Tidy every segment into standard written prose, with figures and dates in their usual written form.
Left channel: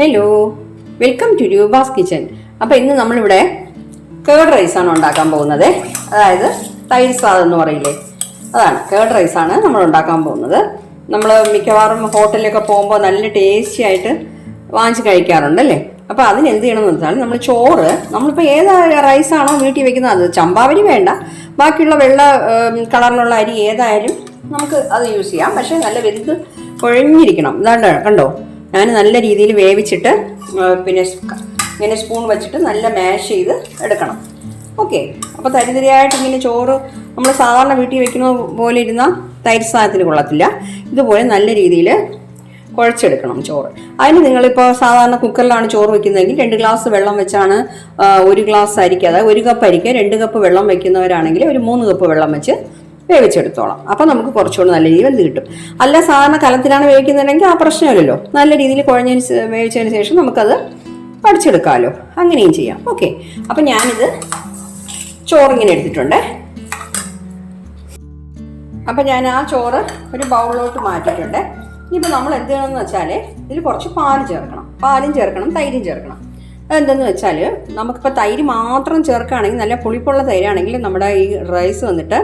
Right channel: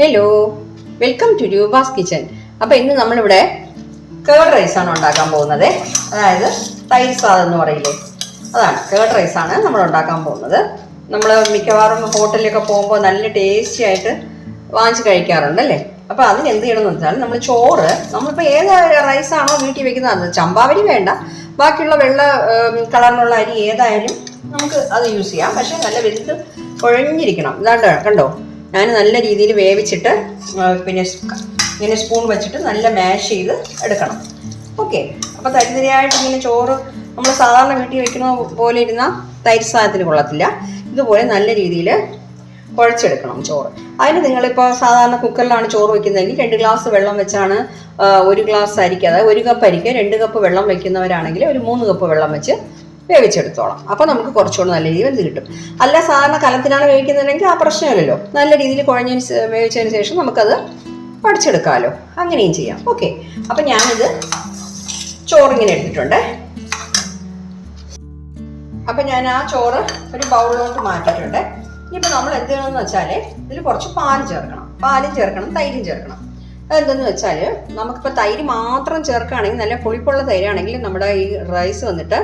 Hello, welcome to Rupa's kitchen. അപ്പോൾ ഇന്ന് നമ്മളിവിടെ കേർഡ് റൈസാണ് ഉണ്ടാക്കാൻ പോകുന്നത്. അതായത് തൈര് സാദം എന്ന് പറയില്ലേ, അതാണ് കേർഡ് റൈസാണ് നമ്മൾ ഉണ്ടാക്കാൻ പോകുന്നത്. നമ്മൾ മിക്കവാറും ഹോട്ടലിലൊക്കെ പോകുമ്പോൾ നല്ല ടേസ്റ്റി ആയിട്ട് വാങ്ങിച്ച് കഴിക്കാറുണ്ടല്ലേ. അപ്പോൾ അതിന് എന്ത് ചെയ്യണമെന്ന് വെച്ചാൽ നമ്മൾ ചോറ്, നമ്മളിപ്പോൾ ഏത് റൈസാണോ വീട്ടിൽ വെക്കുന്നത്, അത് ചമ്പാവരി വേണ്ട, ബാക്കിയുള്ള വെള്ള കളറിലുള്ള അരി ഏതായാലും നമുക്ക് അത് യൂസ് ചെയ്യാം. പക്ഷേ നല്ല വെന്ത് കുഴഞ്ഞിരിക്കണം. ഇതാണ്ട് കണ്ടോ, ഞാൻ നല്ല രീതിയിൽ വേവിച്ചിട്ട് പിന്നെ ഇങ്ങനെ സ്പൂൺ വെച്ചിട്ട് നല്ല മാഷ് ചെയ്ത് എടുക്കണം. ഓക്കെ, അപ്പോൾ തരിതരിയായിട്ട് ഇങ്ങനെ ചോറ് നമ്മൾ സാധാരണ വീട്ടിൽ വെക്കുന്ന പോലെ ഇരുന്നാൽ തൈര് സാദത്തിന് കൊള്ളത്തില്ല. ഇതുപോലെ നല്ല രീതിയിൽ കുഴച്ചെടുക്കണം ചോറ്. അതിന് നിങ്ങളിപ്പോൾ സാധാരണ കുക്കറിലാണ് ചോറ് വെക്കുന്നതെങ്കിൽ 2 ഗ്ലാസ് വെള്ളം വെച്ചാണ് 1 ഗ്ലാസ് അരിക്ക്, അതായത് 1 കപ്പ് അരിക്ക് 2 കപ്പ് വെള്ളം വെക്കുന്നവരാണെങ്കിൽ ഒരു 3 കപ്പ് വെള്ളം വെച്ച് വേവിച്ചെടുത്തോളാം. അപ്പോൾ നമുക്ക് കുറച്ചുകൂടി നല്ല രീതിയിൽ വെന്ത് കിട്ടും. അല്ല സാധാരണ കലത്തിലാണ് വേവിക്കുന്നതെങ്കിൽ ആ പ്രശ്നമില്ലല്ലോ. നല്ല രീതിയിൽ വേവിച്ചതിന് ശേഷം നമുക്കത് പഠിച്ചെടുക്കാമല്ലോ, അങ്ങനെയും ചെയ്യാം. ഓക്കെ, അപ്പം ഞാനിത് ചോറിങ്ങനെ എടുത്തിട്ടുണ്ട്. അപ്പം ഞാൻ ആ ചോറ് ഒരു ബൗളിലോട്ട് മാറ്റിയിട്ടുണ്ട്. ഇനിയിപ്പോൾ നമ്മൾ എന്ത് ചെയ്യണമെന്ന് വെച്ചാൽ ഇതിൽ കുറച്ച് പാലും ചേർക്കണം, തൈരും ചേർക്കണം. അതെന്തെന്ന് വെച്ചാൽ നമുക്കിപ്പോൾ തൈര് മാത്രം ചേർക്കുകയാണെങ്കിൽ, നല്ല പുളിപ്പുള്ള തൈരാണെങ്കിൽ നമ്മുടെ ഈ റൈസ് വന്നിട്ട്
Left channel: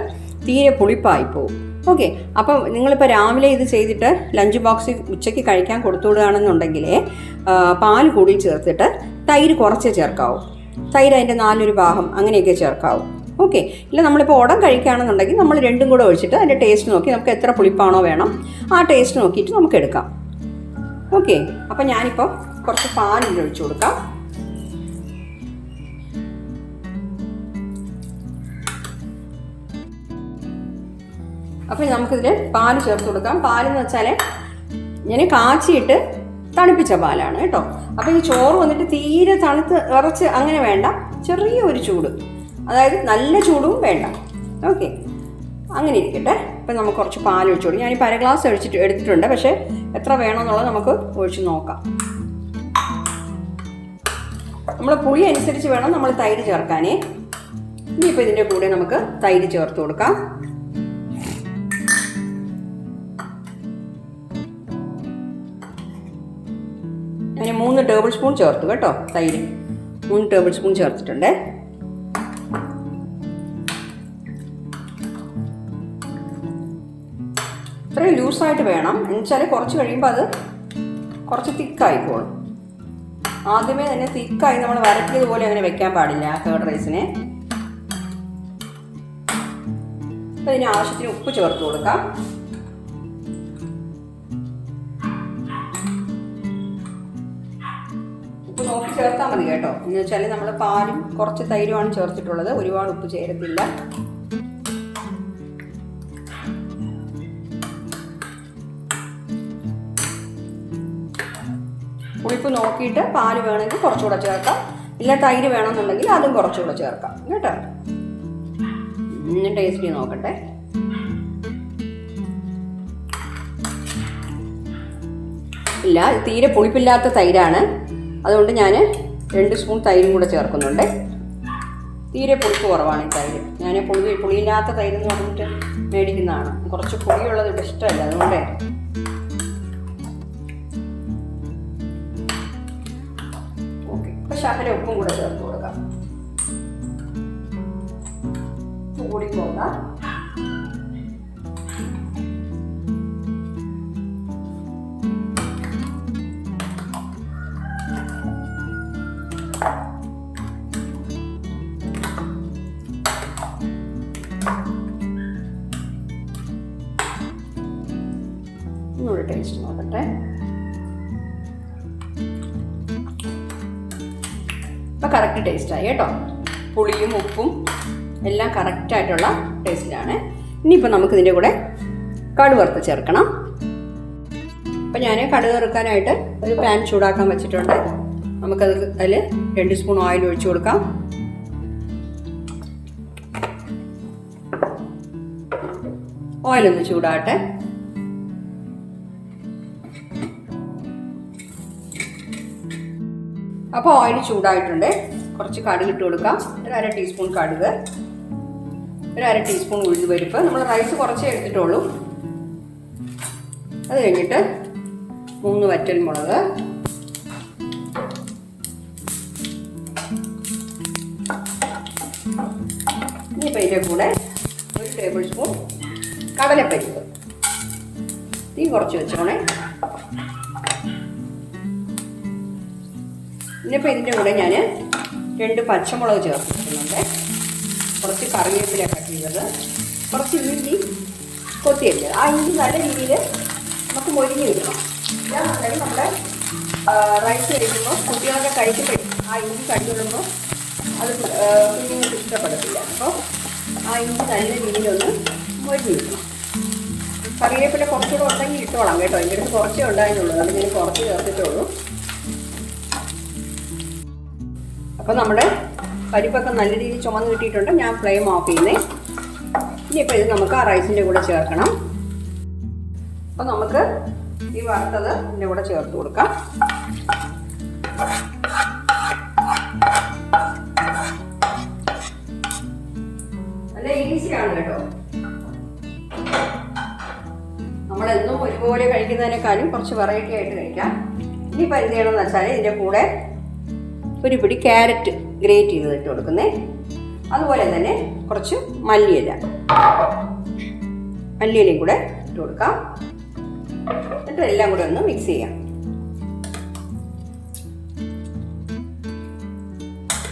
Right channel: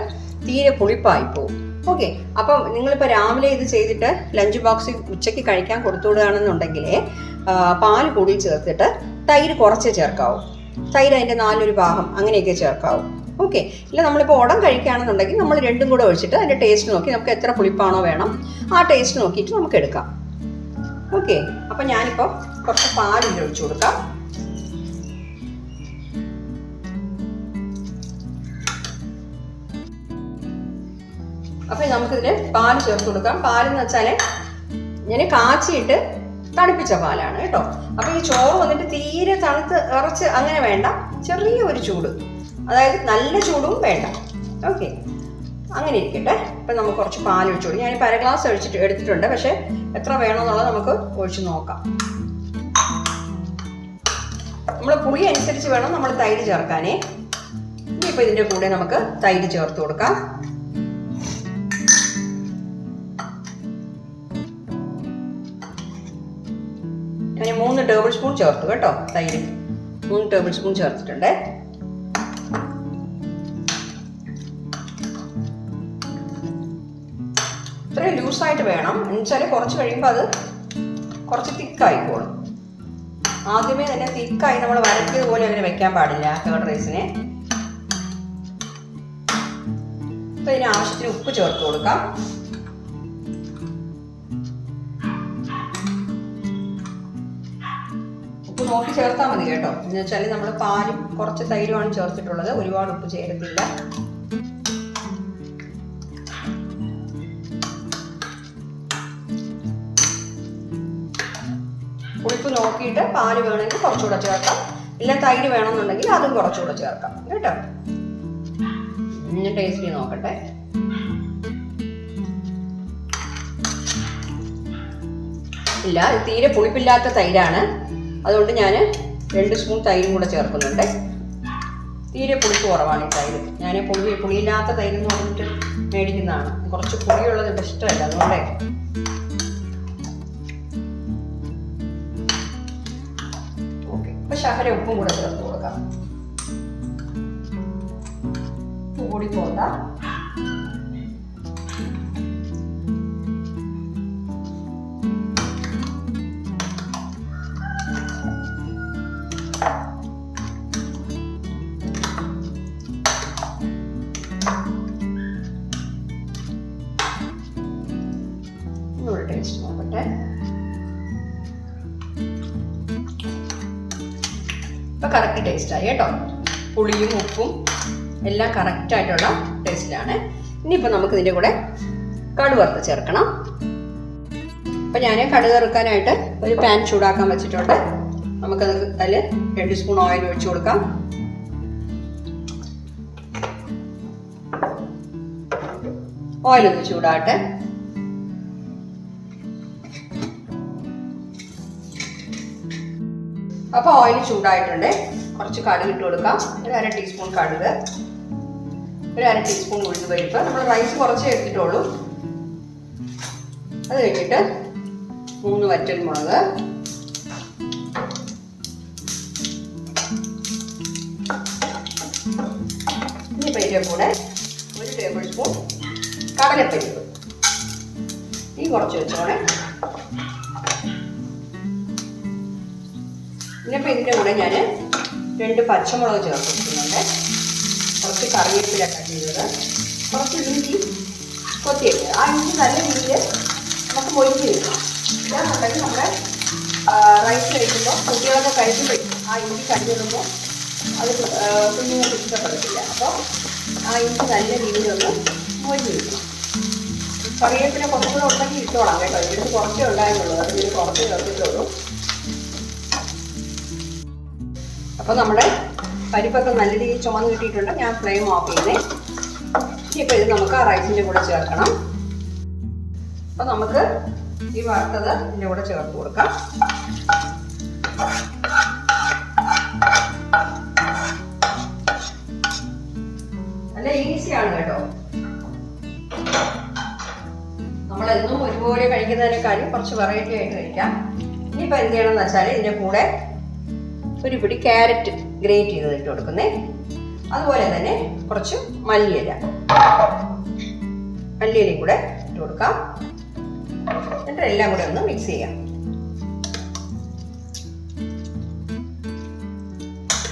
തീരെ പുളിപ്പായി പോകും. ഓക്കെ, അപ്പം നിങ്ങളിപ്പോൾ രാവിലെ ഇത് ചെയ്തിട്ട് ലഞ്ച് ബോക്സിൽ ഉച്ചയ്ക്ക് കഴിക്കാൻ കൊടുത്തുവിടുകയാണെന്നുണ്ടെങ്കിൽ പാൽ കൂടി ചേർത്തിട്ട് തൈര് കുറച്ചേ ചേർക്കാവൂ. തൈര് അതിൻ്റെ 4 ഭാഗം അങ്ങനെയൊക്കെ ചേർക്കാവൂ. ഓക്കെ, ഇല്ല നമ്മളിപ്പോൾ ഉടൻ കഴിക്കുകയാണെന്നുണ്ടെങ്കിൽ നമ്മൾ 2 കൂടെ ഒഴിച്ചിട്ട് അതിൻ്റെ ടേസ്റ്റ് നോക്കി നമുക്ക് എത്ര പുളിപ്പാണോ വേണം ആ ടേസ്റ്റ് നോക്കിയിട്ട് നമുക്ക് എടുക്കാം. ഓക്കെ, അപ്പം ഞാനിപ്പോൾ കുറച്ച് പാലിൽ ഒഴിച്ചു കൊടുക്കാം. അപ്പം നമുക്കിതിൽ പാല് ചേർത്ത് കൊടുക്കാം. പാലെന്ന് വെച്ചാൽ ഞാൻ കാച്ചിയിട്ട് തണുപ്പിച്ച പാലാണ് കേട്ടോ. അപ്പം ഈ ചോറ് വന്നിട്ട് തീരെ തണുത്ത് ഇറച്ച് അങ്ങനെ വേണ്ട, ചെറിയൊരു ചൂട്, അതായത് നല്ല ചൂടും വേണ്ട. ഓക്കെ, അങ്ങനെ ഇരിക്കട്ടെ. അപ്പം നമുക്ക് കുറച്ച് പാൽ ഒഴിച്ചു കൊടുക്കും. ഞാനിപ്പോൾ 1/2 ഗ്ലാസ് എടുത്തിട്ടുണ്ട്, പക്ഷേ എത്ര വേണമെന്നുള്ളത് നമുക്ക് ഒഴിച്ച് നോക്കാം. നമ്മൾ പുളി അനുസരിച്ച് വേണം നമ്മൾ തൈര് ചേർക്കാനേ. ഇനിയിപ്പോൾ ഇതിൻ്റെ കൂടെ നമുക്ക് തൈര് ചേർത്ത് കൊടുക്കാം. ഞാൻ 3 ടേബിൾ സ്പൂൺ ചേർത്തു കേട്ടോ. തൈര് 3 ടേബിൾ സ്പൂൺ ചേർത്തിട്ടുണ്ട്. ഇത്രയും ലൂസായിട്ട് വേണം, എന്നുവെച്ചാൽ കുറച്ച് കഴിയുമ്പോൾ അത് കുറച്ച് തിക്കായിക്കോളും. ആദ്യമേ തന്നെ തിക്കായി നമ്മൾ വരട്ടിയത് പോലെ അങ്ങനെ വെക്കാൻ പാടില്ല കേർഡ് റൈസിനെ. അപ്പോൾ ഇതിന് ആവശ്യത്തിന് ഉപ്പ് ചേർത്ത് കൊടുക്കാം. ഉപ്പ് നോക്കി ചേർത്താൽ മതി കേട്ടോ. എന്ന് വെച്ചാൽ നമ്മൾ പാലും കുറച്ച് തൈരുമാണ് ചേർത്തിട്ടുള്ളത്, ഒരുപാട് ഉപ്പ് ചേരത്തില്ല. പുളിപ്പ് നോക്കിയിട്ട് പാല് വേണമെങ്കിൽ കുറച്ചുകൂടെ ചേർക്കാം, ഇല്ല തൈര് വേണമെന്നുണ്ടെങ്കിൽ അതും കുറച്ചുകൂടെ ചേർക്കാം കേട്ടോ. ടേസ്റ്റ് ചെയ്ത് നോക്കട്ടെ. ഇല്ല, തീരെ പുളിപ്പില്ലാത്ത തൈരാണ്, അതുകൊണ്ട് ഞാൻ 2 സ്പൂൺ തൈരും കൂടെ ചേർക്കുന്നുണ്ട്. തീരെ പുളിപ്പ് കുറവാണ് ഈ തൈര്. ഞാൻ പുളിയില്ലാത്ത തൈരെന്ന് പറഞ്ഞിട്ട് മേടിക്കുന്നതാണ്. കുറച്ച് പുളിയുള്ളത് എനിക്ക് ഇഷ്ടമല്ല, അതുകൊണ്ടേ. ഓക്കെ, ഇപ്പം ശകല ഉപ്പും കൂടെ ചേർത്ത് കൊടുക്കാം. ഉപ്പ് കൂടി പോകാം. ടേസ്റ്റ് നോക്കട്ടെ. ഇപ്പം കറക്റ്റ് ടേസ്റ്റായി കേട്ടോ. പുളിയും ഉപ്പും എല്ലാം കറക്റ്റായിട്ടുള്ള ടേസ്റ്റിലാണ്. ഇനിയിപ്പോൾ നമുക്ക് ഇതിൻ്റെ കൂടെ കടുക് വറുത്ത് ചേർക്കണം. അപ്പം ഞാൻ കടുക് വറുക്കാനായിട്ട് ഒരു പാൻ ചൂടാക്കാൻ വെച്ചിട്ടുണ്ട്. നമുക്കത് അതിൽ 2 സ്പൂൺ ഓയിൽ ഒഴിച്ചു കൊടുക്കാം. ഓയിലൊന്ന് ചൂടാട്ടെ. അപ്പോൾ ഓയിൽ ചൂടായിട്ടുണ്ട്. കുറച്ച് കടുക് ഇട്ട് കൊടുക്കാം. ഒരു 1/2 ടീസ്പൂൺ കടുക്, ഒരു 1/2 ടീസ്പൂൺ ഉഴുന്നുപരിപ്പ്. നമ്മൾ റൈസ് കുറച്ചേ എടുത്തിട്ടുള്ളൂ. അത് കഴിഞ്ഞിട്ട് 3 വറ്റൽമുളക്, ഇതിൻ്റെ കൂടെ 1 ടേബിൾ സ്പൂൺ കടലപ്പരിപ്പ്. ഈ കുറച്ച് വെച്ചോണേ. ഇനിയിപ്പോൾ ഇതിൻ്റെ കൂടെ ഞാൻ 2 പച്ചമുളക് ചേർത്തിട്ടുണ്ട്, കുറച്ച് കറിവേപ്പില കട്ട് ചെയ്തത്, കുറച്ച് ഇഞ്ചി കൊത്തിയിട്ട്. ആ ഇഞ്ചി നല്ല രീതിയിൽ നമുക്ക് മൊരിഞ്ഞ് വെക്കണം. ഇല്ലാന്നുണ്ടെങ്കിൽ നമ്മുടെ റൈസ് കഴിക്കുമ്പോൾ കുട്ടികളൊക്കെ കഴിക്കുമ്പോൾ ആ ഇഞ്ചി കണ്ടുവരുമ്പോൾ അത് കുഞ്ഞുങ്ങൾക്ക് ഇഷ്ടപ്പെടത്തില്ല. അപ്പോൾ ആ ഇഞ്ചി നല്ല രീതിയിലൊന്ന് മൊരിഞ്ഞ് വെക്കും. കറിവേപ്പില കുറച്ചുകൂടെ ഉണ്ടെങ്കിൽ ഇട്ടോളാം കേട്ടോ. എൻ്റെ അടുത്ത് കുറച്ചേ ഉണ്ടായിരുന്നുള്ളൂ, അത് ഞാൻ കുറച്ച് ചേർത്തിട്ടുള്ളൂ. അപ്പോൾ നമ്മുടെ പരിപ്പൊക്കെ നല്ല രീതിയിൽ ചുമന്ന് കിട്ടിയിട്ടുണ്ട്. ഞാൻ ഫ്ലെയിം ഓഫ് ചെയ്യുന്നേ. ഇനിയിപ്പോൾ ഇത് നമുക്ക് ആ റൈസിൻ്റെ കൂടെ ചേർക്കണം. അപ്പോൾ നമുക്ക് ഈ വറുത്തത് ഇതിൻ്റെ കൂടെ ചേർത്ത് കൊടുക്കാം. നല്ല ഈസിയാണ് കേട്ടോ. നമ്മളെന്നും ഒരുപോലെ കഴിക്കുന്നതിനേക്കാളും കുറച്ച് വെറൈറ്റി ആയിട്ട് കഴിക്കാം. ഇനിയിപ്പോൾ എന്ത് ചെയ്യണമെന്ന് വെച്ചാൽ ഇതിൻ്റെ കൂടെ ഒരു പിടി ക്യാരറ്റ് ഗ്രേറ്റ് ചെയ്ത് ഇട്ട് കൊടുക്കുന്നേ. അതുപോലെ തന്നെ കുറച്ച് മല്ലിയിലയും കൂടെ ഇട്ട് കൊടുക്കാം. എന്നിട്ട് എല്ലാം കൂടെ ഒന്ന് മിക്സ് ചെയ്യാം.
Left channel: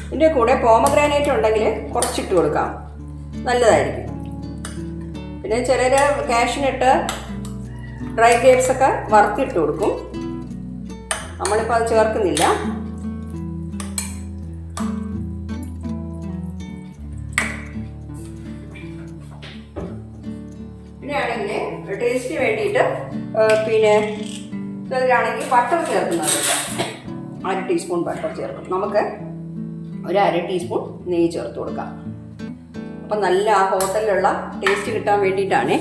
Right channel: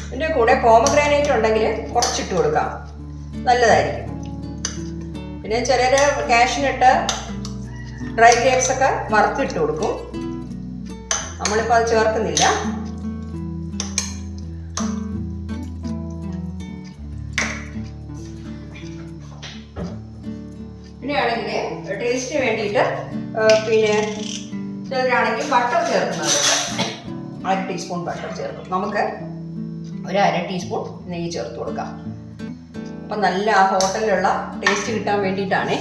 ഇതിൻ്റെ കൂടെ പോമഗ്രാനൈറ്റ് ഉണ്ടെങ്കിൽ കുറച്ചിട്ട് കൊടുക്കാം, നല്ലതായിരിക്കും. പിന്നെ ചിലർ കാഷ്യൂനട്ട്, ഡ്രൈ ഗ്രേപ്സ് ഒക്കെ വറുത്തിട്ട് കൊടുക്കും. നമ്മളിപ്പോൾ അത് ചേർക്കുന്നില്ല. പിന്നെയാണെങ്കിൽ ടേസ്റ്റിന് വേണ്ടിയിട്ട് പിന്നെ ചിലരാണെങ്കിൽ ബട്ടർ ചേർക്കുന്നുണ്ട്. 1/2 ടീസ്പൂൺ ബട്ടർ ചേർക്കും. നമുക്ക് ഒരു 1/2 ടീസ്പൂൺ നെയ്യ് ചേർത്ത് കൊടുക്കാം. അപ്പം നല്ല ആ ഹോട്ടലിലുള്ള ടേസ്റ്റ് കിട്ടാൻ വേണ്ടിയിട്ടാണ്.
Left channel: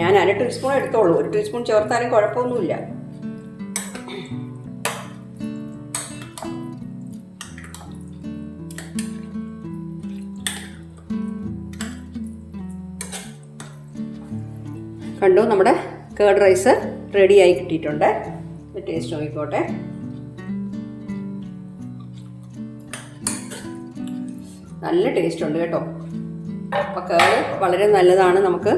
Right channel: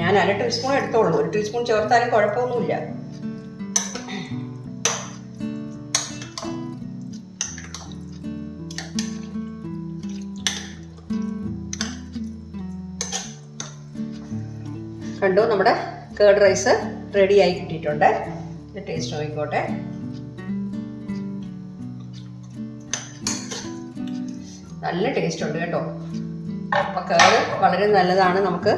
ഞാൻ 1/2 ടീസ്പൂൺ എടുത്തോളൂ. 1 ടീസ്പൂൺ ചേർത്താലും കുഴപ്പമൊന്നുമില്ല. കണ്ടു, നമ്മുടെ കേർഡ് റൈസ് റെഡിയായി കിട്ടിയിട്ടുണ്ട്. ടേസ്റ്റ് നോക്കിക്കോട്ടെ. നല്ല ടേസ്റ്റ് ഉണ്ട് കേട്ടോ. അപ്പോൾ കേർഡ് വളരെ നല്ലതാണ് നമുക്ക്.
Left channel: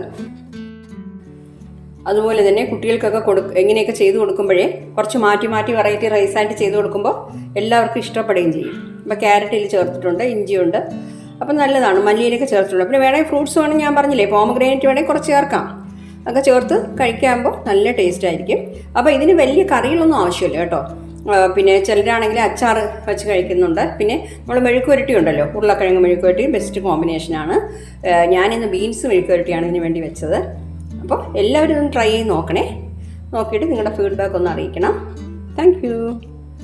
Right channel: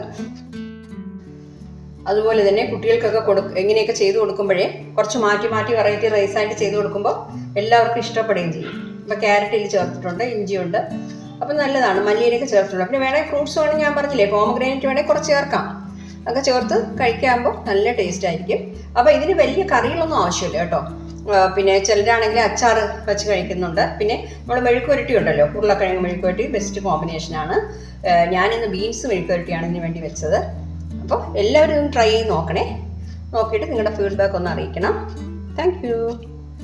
അതുപോലെ തന്നെ കുട്ടികൾക്കൊക്കെ എങ്ങനെയൊക്കെ ചെയ്ത് കൊടുക്കുമ്പോഴേ കുറച്ച് മാറ്റി വെറൈറ്റി റൈസായിട്ട് ചെയ്ത് കൊടുക്കുമ്പോൾ എല്ലാവർക്കും ഇഷ്ടപ്പെടുകയും ചെയ്യും. അപ്പോൾ ക്യാരറ്റിൽ ചേർത്തിട്ടുണ്ട്, ഇഞ്ചിയുണ്ട്, അപ്പോൾ നല്ലതാണ്. മല്ലിയിലൊക്കെ ചേർത്തിട്ടുണ്ട്. പിന്നെ വേണമെങ്കിൽ ഫ്രൂട്ട്സ് വേണമെങ്കിൽ ഞാൻ പറഞ്ഞില്ലേ, പോമഗ്രാനൈറ്റ് വേണമെങ്കിൽ കുറച്ച് ചേർക്കാം. ഒക്കെ ചേർത്ത് കഴിക്കുമ്പോൾ നല്ല ടേസ്റ്റ് ആയിരിക്കും. അപ്പോൾ ഇതിന് വലിയ കറികളൊന്നും ആവശ്യമില്ല കേട്ടോ. പിന്നെ ചിലരാണെങ്കിൽ അച്ചാർ വെച്ച് കഴിക്കുന്നുണ്ട്. പിന്നെ നമ്മൾ മെഴുക്കുവരട്ടി ഉണ്ടല്ലോ, ഉരുളക്കിഴങ്ങ് മെഴുക്കുവരട്ടി ബെസ്റ്റ് കോമ്പിനേഷനാണ്. ഞാനിന്ന് ബീൻസ് മെഴുക്കുവരട്ടിയാണ് ഇതിന് വേണ്ടി വെച്ചത്. അപ്പോൾ എല്ലാവരും ഒന്ന് ട്രൈ ചെയ്ത് നോക്കണേ. നോക്കിയിട്ട് നിങ്ങളുടെ ഫീഡ്ബാക്ക് ഒന്ന് അറിയിക്കണം. Thank you.